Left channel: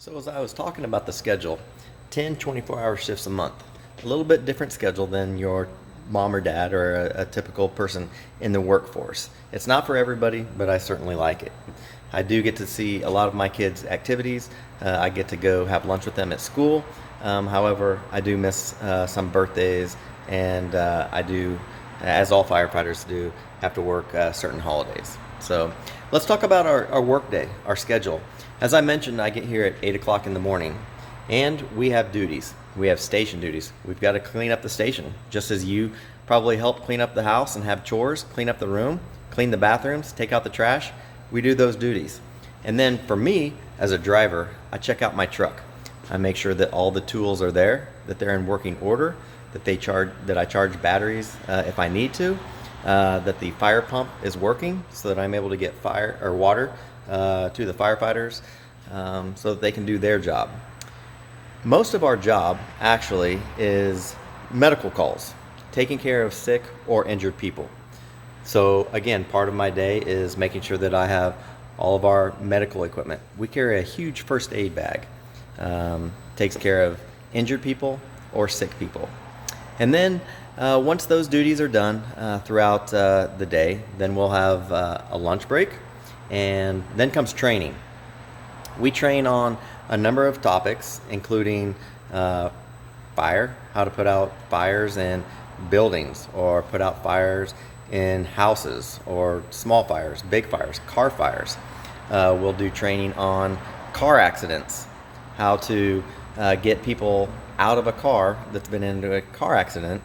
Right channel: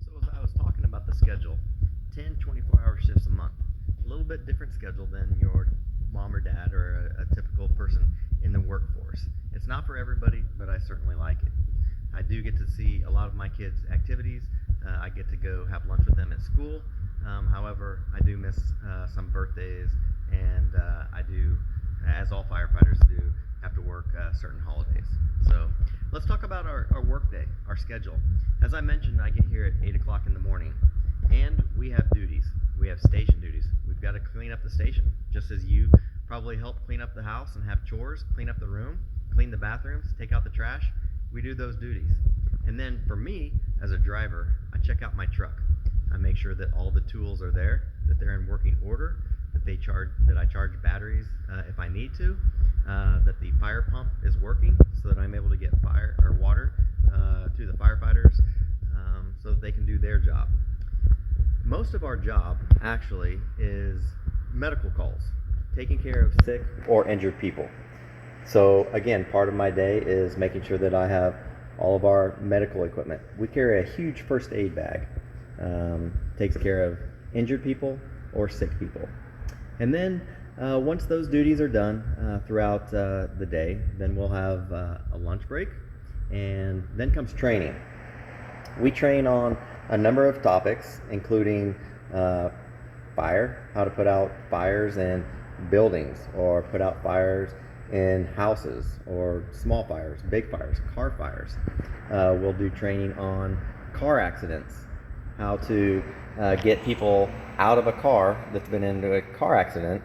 So as I was talking about the schedule, 10 24-hour shifts a month, a little bit different schedule than your mom or dad or a typical person in the workforce. It's not for everybody, but I certainly like it. I do get to see a lot of my kids' activities. I get to go have lunch with them at school. However, I do miss some birthdays, and I do, as all firefighters do, have to work certain holidays. So let's talk about our work day, our schedule. As I mentioned, I get here at 8 o'clock in the morning, and we have duties. We have station duties. We've got to clean up the station, just as you probably help clean up the house and have chores, clean up the room, clean the bathrooms, take out the trash. We do those duties. And then for me, as a driver, I check out my truck. I make sure that all the tools are there, that they're in working order, that I charge batteries if I need to, that the fire pump is working so that I'm able to get fire or water to the firefighters so that they can do their job. Most of our job actually is medical calls, taking care of sick or injured people. So again, part of my day is making sure that I have all of our medical equipment. We carry a huge first aid bag, takes care of injured people or sick people. And then once those duties are done throughout the day, then we'll have a lunch break, and then comes training. We train on a number of topics, including fire, how to put out fires in buildings or put out fires in houses, or small fires, big fires, car fires. We'll do training on car accidents, how to get people out of a car that's been into a car accident.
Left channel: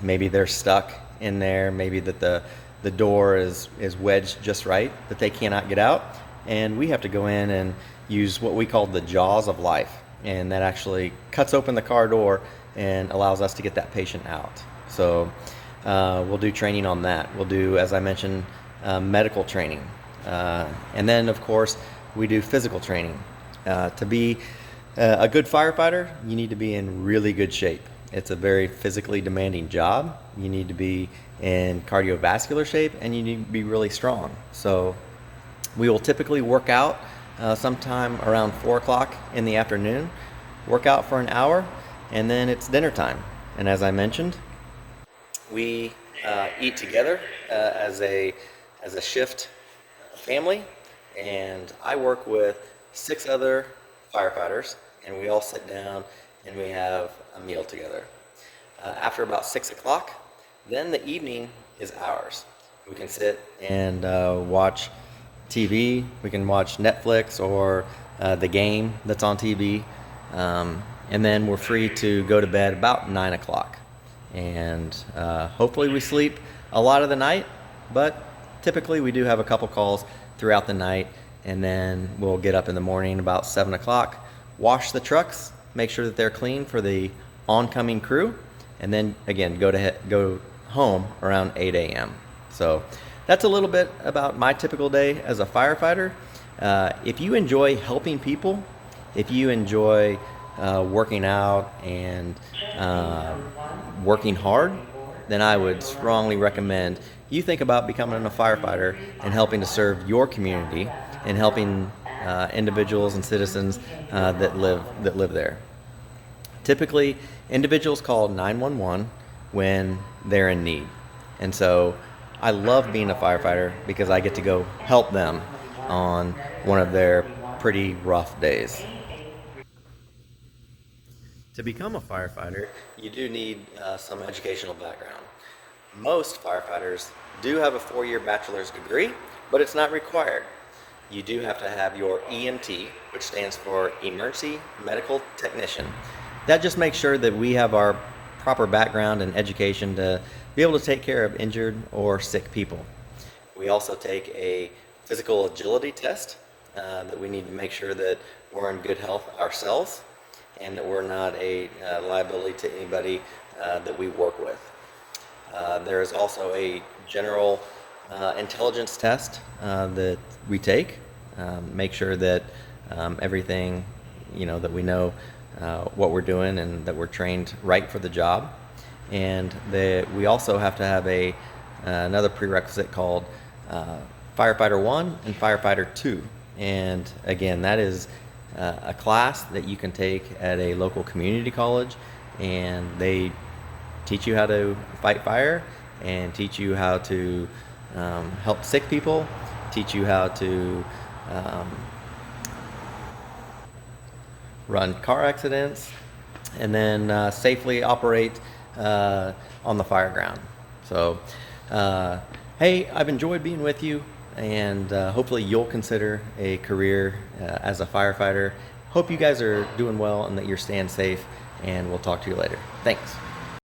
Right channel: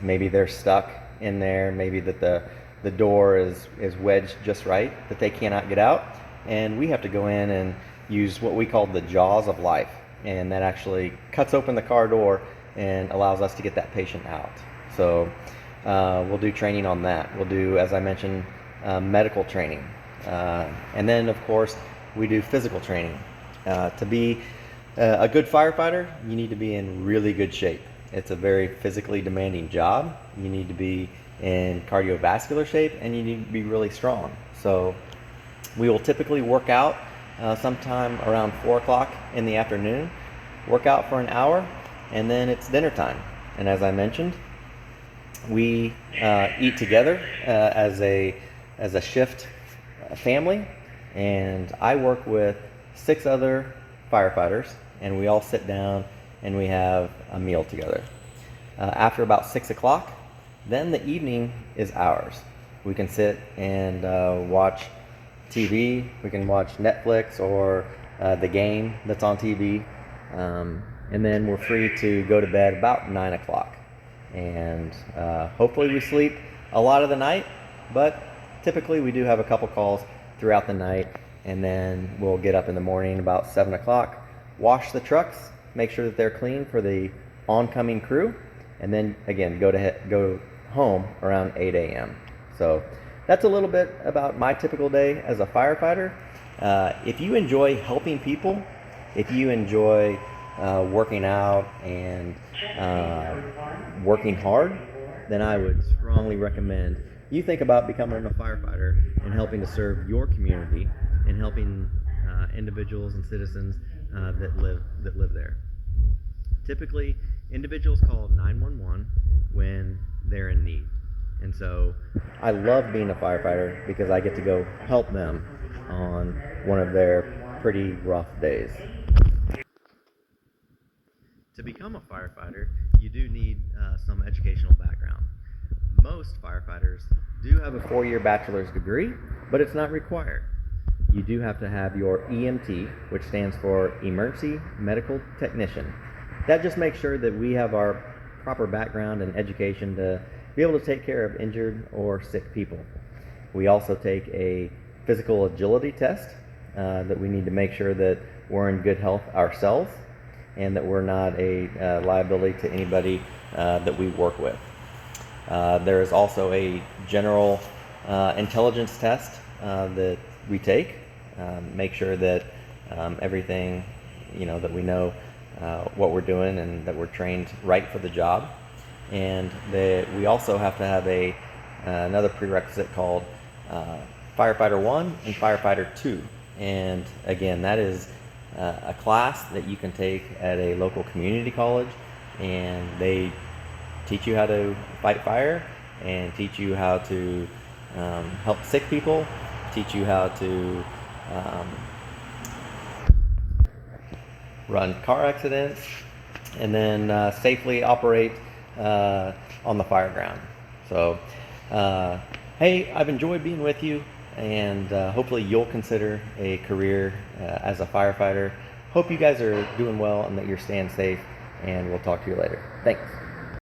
Maybe they're stuck in there, maybe that the door is wedged just right, that they cannot get out. And we have to go in and use what we call the jaws of life. And that actually cuts open the car door and allows us to get that patient out. So we'll do training on that. We'll do, as I mentioned, medical training. And then, of course, we do physical training. To be a good firefighter, you need to be in really good shape. It's a very physically demanding job. You need to be in cardiovascular shape, and you need to be really strong. So we will typically work out sometime around 4 o'clock in the afternoon, work out for an hour, and then it's dinner time. And as I mentioned, we eat together as a shift family, and I work with 6 other firefighters, and we all sit down and we have a meal together. After about 6 o'clock, then the evening is ours. We can sit and watch TV. We can watch Netflix or the game that's on TV, and then we're free to go to bed about 9 o'clock. And hopefully we sleep a lot of the night, but typically we do have a couple calls throughout the night, and then we'll get up in the morning about 7 o'clock, wash the trucks, make sure that they're clean for the oncoming crew, and then again go home around 8 a.m. So that's a little bit about my typical day as a firefighter. If you enjoy helping people, if you enjoy working out and working hard, then I would strongly recommend you think about becoming a firefighter and helping to serve your community and helping individuals and citizens that live there. Typically, individuals call 911 when they're in need. And so I love being a firefighter because I get to go help them on one of their pretty rough days. To become a firefighter, you do need some educational background. Most firefighters do have a 4-year bachelor's degree, but it's not required. You do have to have your EMT, which stands for Emergency Medical Technician. That just makes sure that we have our proper background and education to be able to take care of injured or sick people. We also take a physical agility test that we need to make sure that we're in good health ourselves and that we're not a liability to anybody that we work with. There is also a general intelligence test that we take, make sure that everything, that we know what we're doing and that we're trained right for the job. And we also have to have another prerequisite called Firefighter 1 and Firefighter 2. And again, that is a class that you can take at a local community college, and they teach you how to fight fire and teach you how to help sick people, teach you how to run car accidents, and then safely operate on the fire ground. So, hey, I've enjoyed being with you, and hopefully you'll consider a career as a firefighter. Hope you guys are doing well and that you're staying safe, and we'll talk to you later. Thanks.